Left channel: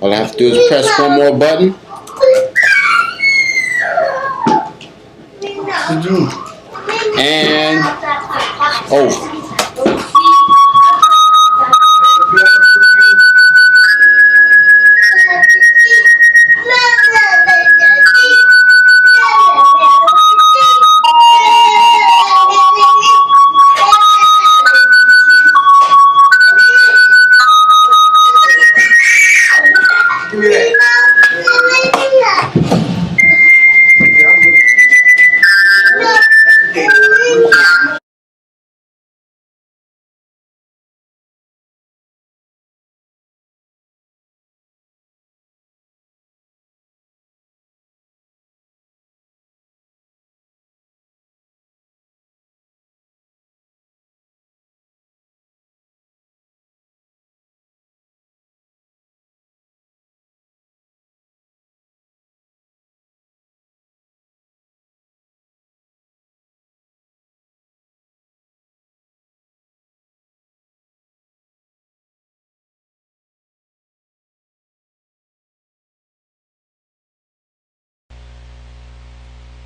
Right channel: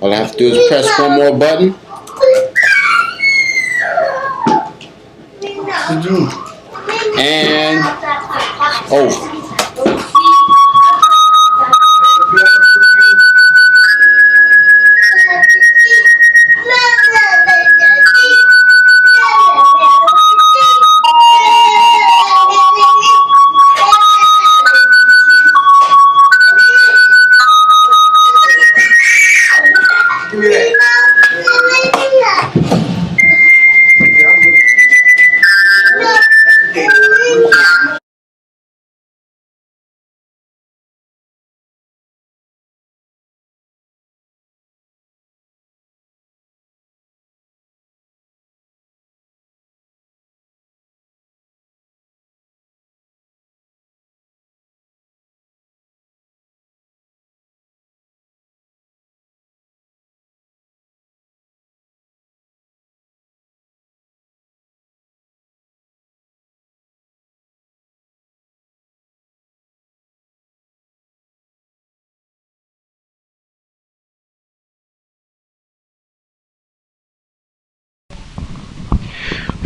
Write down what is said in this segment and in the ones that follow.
All I have to do is press one more button. And oh.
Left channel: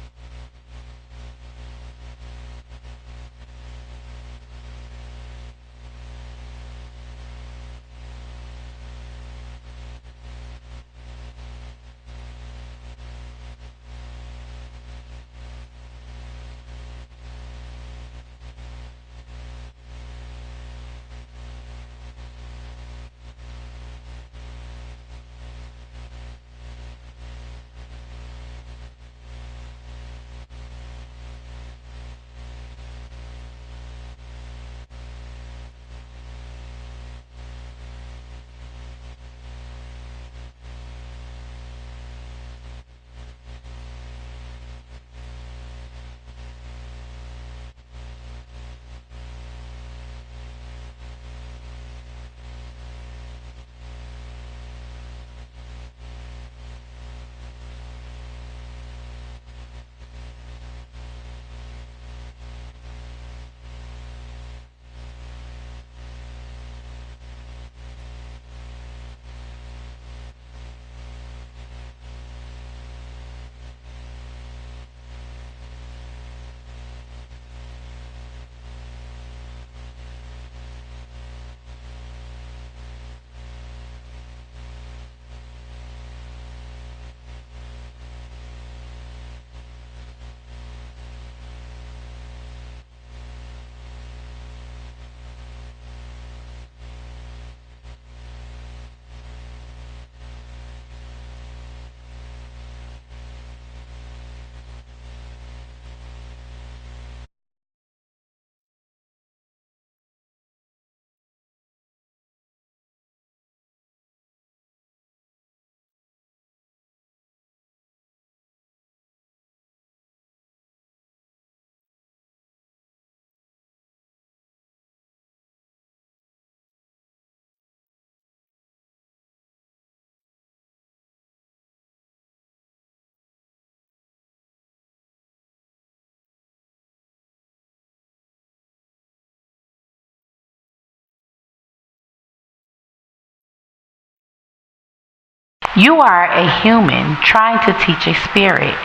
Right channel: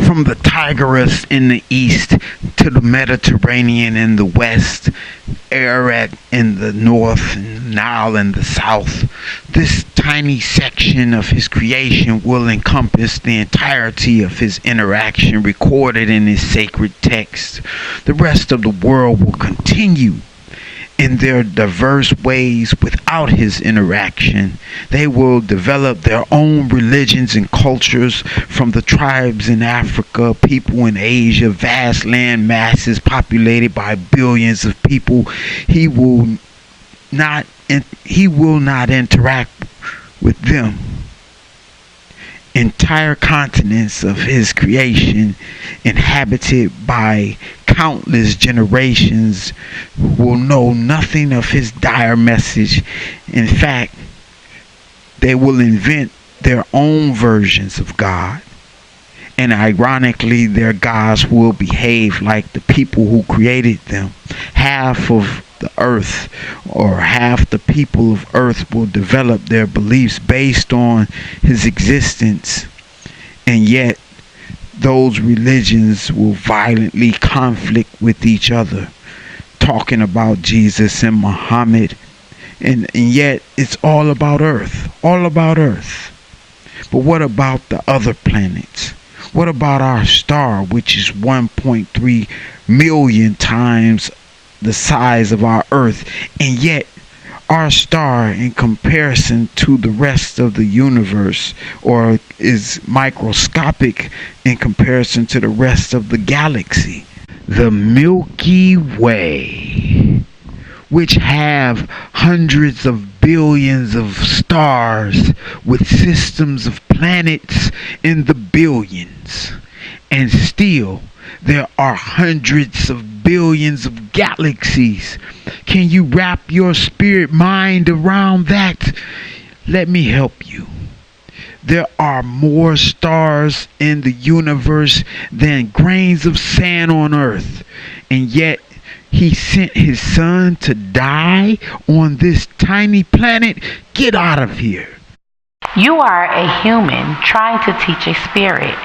From the Tigris in the east to the Mediterranean in the west, Ararat in the north, and Nile in the south, this tiny section of his creation will encompass the entirety of his interaction recorded in his sacred text. The rest of the world will continue in their diverse ways without his interaction. They will develop their own religions and cultures, from the tribes in Africa, people in Asia, vast land masses populated by billions of people. He will not interact with them. Entire continents of his creation, inhabited by countless generations, will know nothing of his dire message. In fact, they will invent their own versions of God. And ironically, their gods will behave like the people who created them. Half of the earth, or half the people of earth, will develop their beliefs based on his existence. And yet, those religions will violently conflict with each other, talking about Jesus and Muhammad. And yet, it's all about earth. All about earth. But what about the other planets? What about our star, which is 1.3 million times the size of our Earth? And yet, our star, in comparison to the rest of the universe, or is microscopic in comparison to the rest of the galaxy. The Milky Way, which have hundreds of billions of stars with systems of planets in the billions. And still, there are hundreds of billions of galaxies. Can you wrap your spirit mind around that? Let me help you. There are more stars in the universe than grains of sand on earth. And yet, he sent his son to die on this tiny planet. Get out of here. You are a human trying to teach a spirit.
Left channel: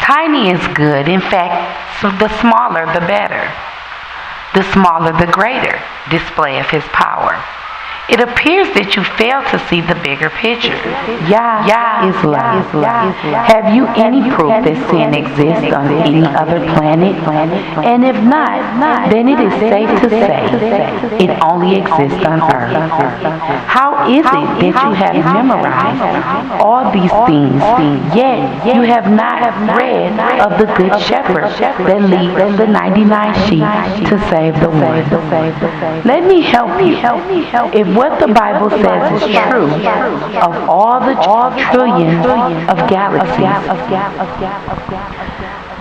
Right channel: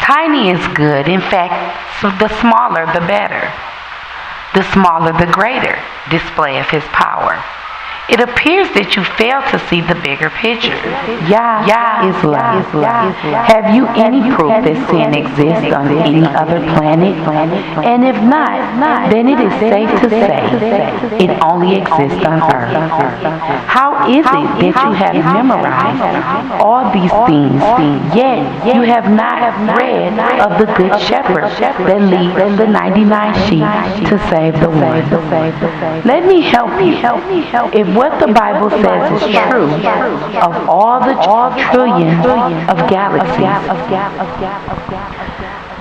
Tiny is good. In fact, so the smaller the better. The smaller the greater display of his power. It appears that you fail to see the bigger picture. Yah is love. Have you any proof that sin exists on any other planet? And if not, then it is safe to say it only exists on Earth. How is it that you have memorized all these things, yet you have not read of the Good Shepherd that leads the 99 sheep to save the one? Let me help you. If what the Bible says is true of all the trillions of galaxies,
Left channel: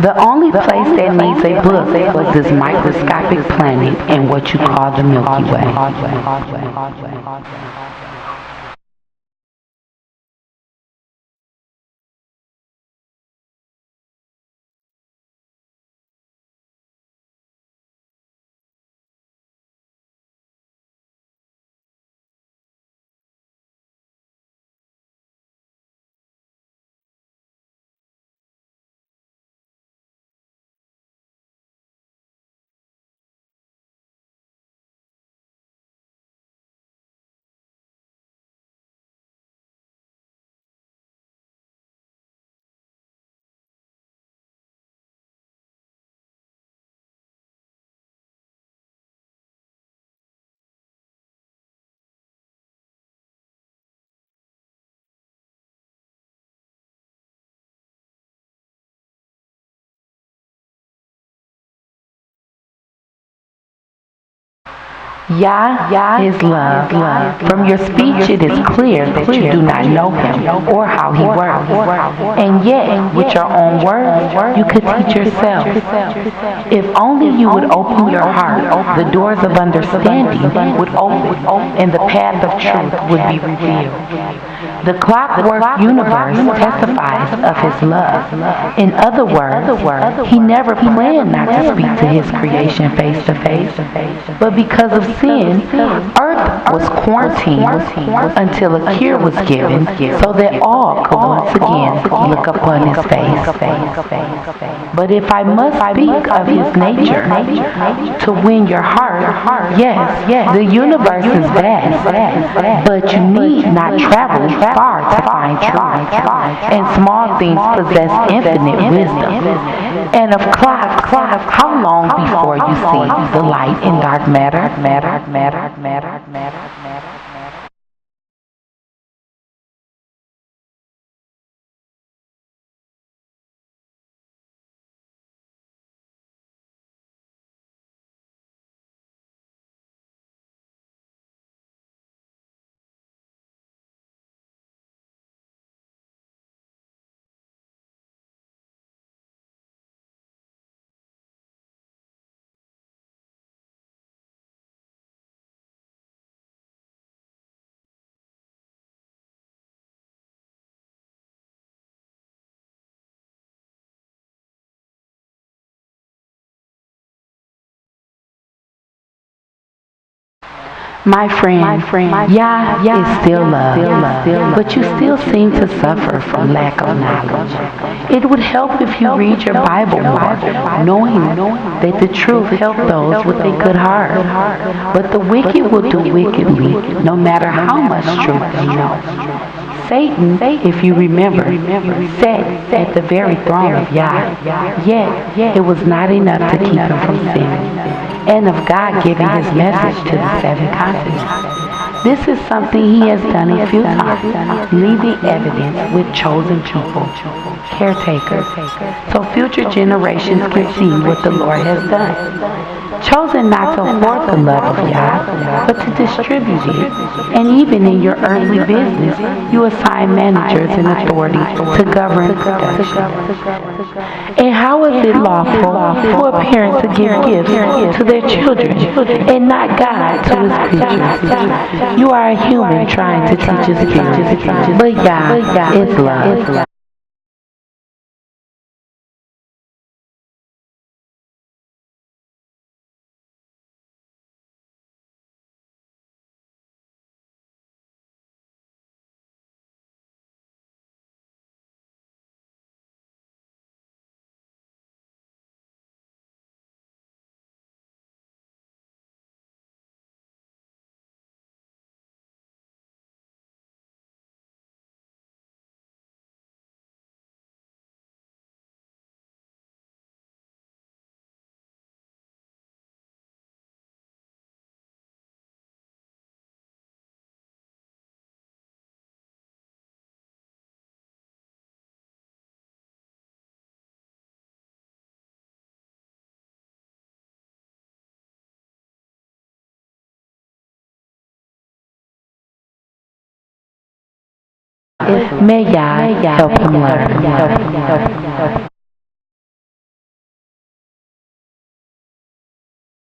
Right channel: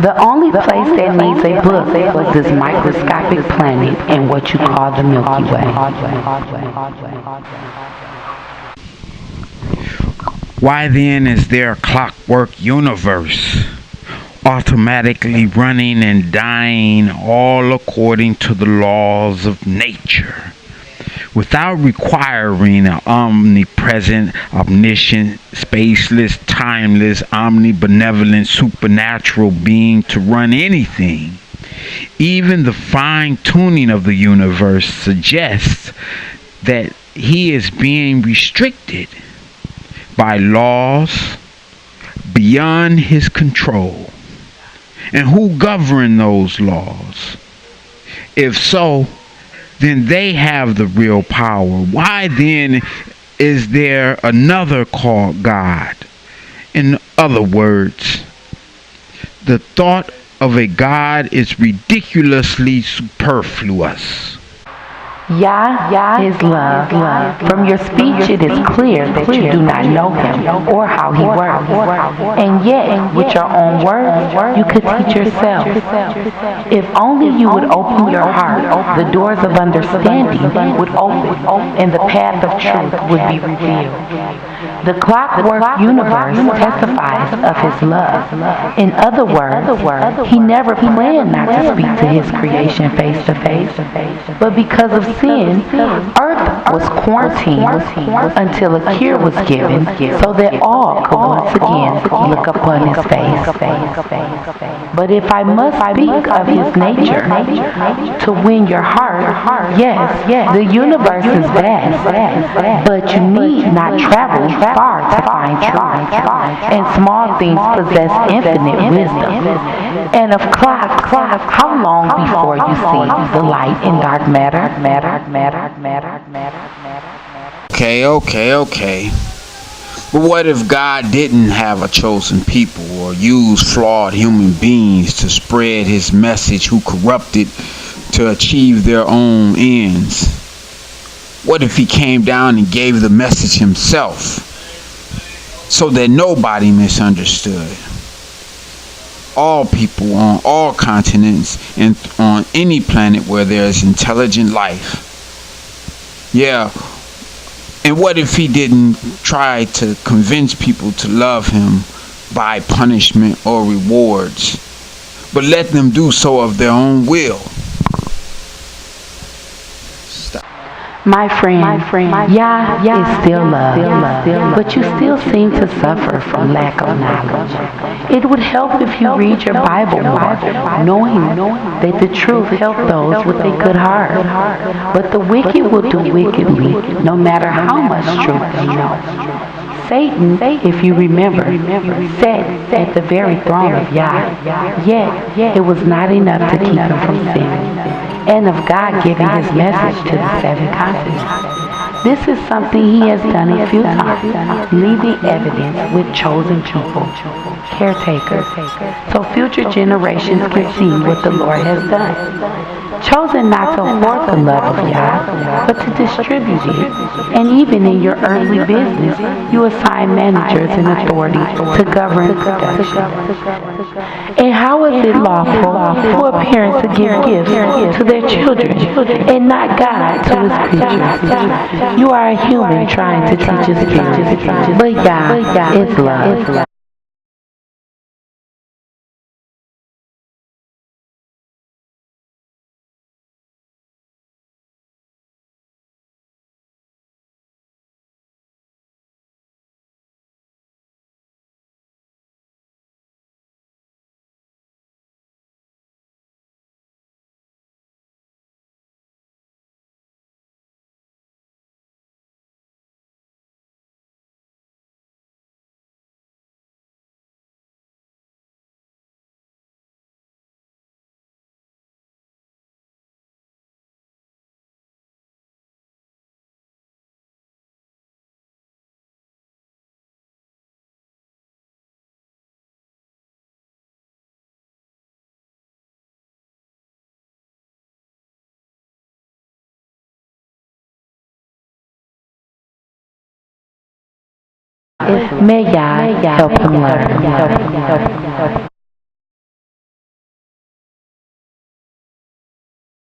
the only place that needs a book was this microscopic planet in what you call the Milky Way. Why then is there a clockwork universe, automatically running and dying all according to the laws of nature? without requiring an omnipresent, omniscient, spaceless, timeless, omnibenevolent, supernatural being to run anything. Even the fine-tuning of the universe suggests that he is being restricted by laws beyond his control. And who govern those laws? If so, then they have the real power. Why then is there another called God? In other words, the thought of a God is ridiculously superfluous. Yah is love. From your speech it is clear that you do not know him or how he works. And yet, with your own words, you could teach yourself. If only you would open your heart, the doors of understanding would open, and the path of truth would be revealed. The clockwork universe testifies of his love. In other words, he never planned not to speak to his creation face to face. But because of sin, Earth was quarantined until a cure was given so that all could once again look upon his face. But if I must speak of his nature to win your heart, yes, the universe is vast, but you need not travel far to find truth. And small things possess infinite wisdom. And of clocks, how long before you see the light in dark matter? Okay. But what if God didn't have a chosen people or use flawed human beings to spread his message who corrupted to achieve their own ends? What if he came down and gave the message himself so that nobody misunderstood? All people on all continents and on any planet where there is intelligent life. Yeah. And what if he didn't try to convince people to love him by punishment or rewards, but let them do so of their own will? My friend, Yah is still love, but you still seem to suffer from lack of knowledge. It would help if you read your Bible more, knowing that the truth helps those with a good heart. But the wicked will do wickedly, no matter how much truth they know. Satan, if you remember, sat at the very throne of Yah, yet it was not enough to keep him from sinning, and of God giving his message to the seven continents. This is something he has done a few times, leaving evidence with chosen people, caretakers, so future generations can see what the Lord has done. Chosen not to hoard the love of Yah, but to distribute it. And even in your earthly business, you assign managers and authority to govern production. And how is it lawful for a parent to give gifts to their children and not God to his creatures? You are a human trying to teach his spirit, but Yah is love. May Yah help him learn.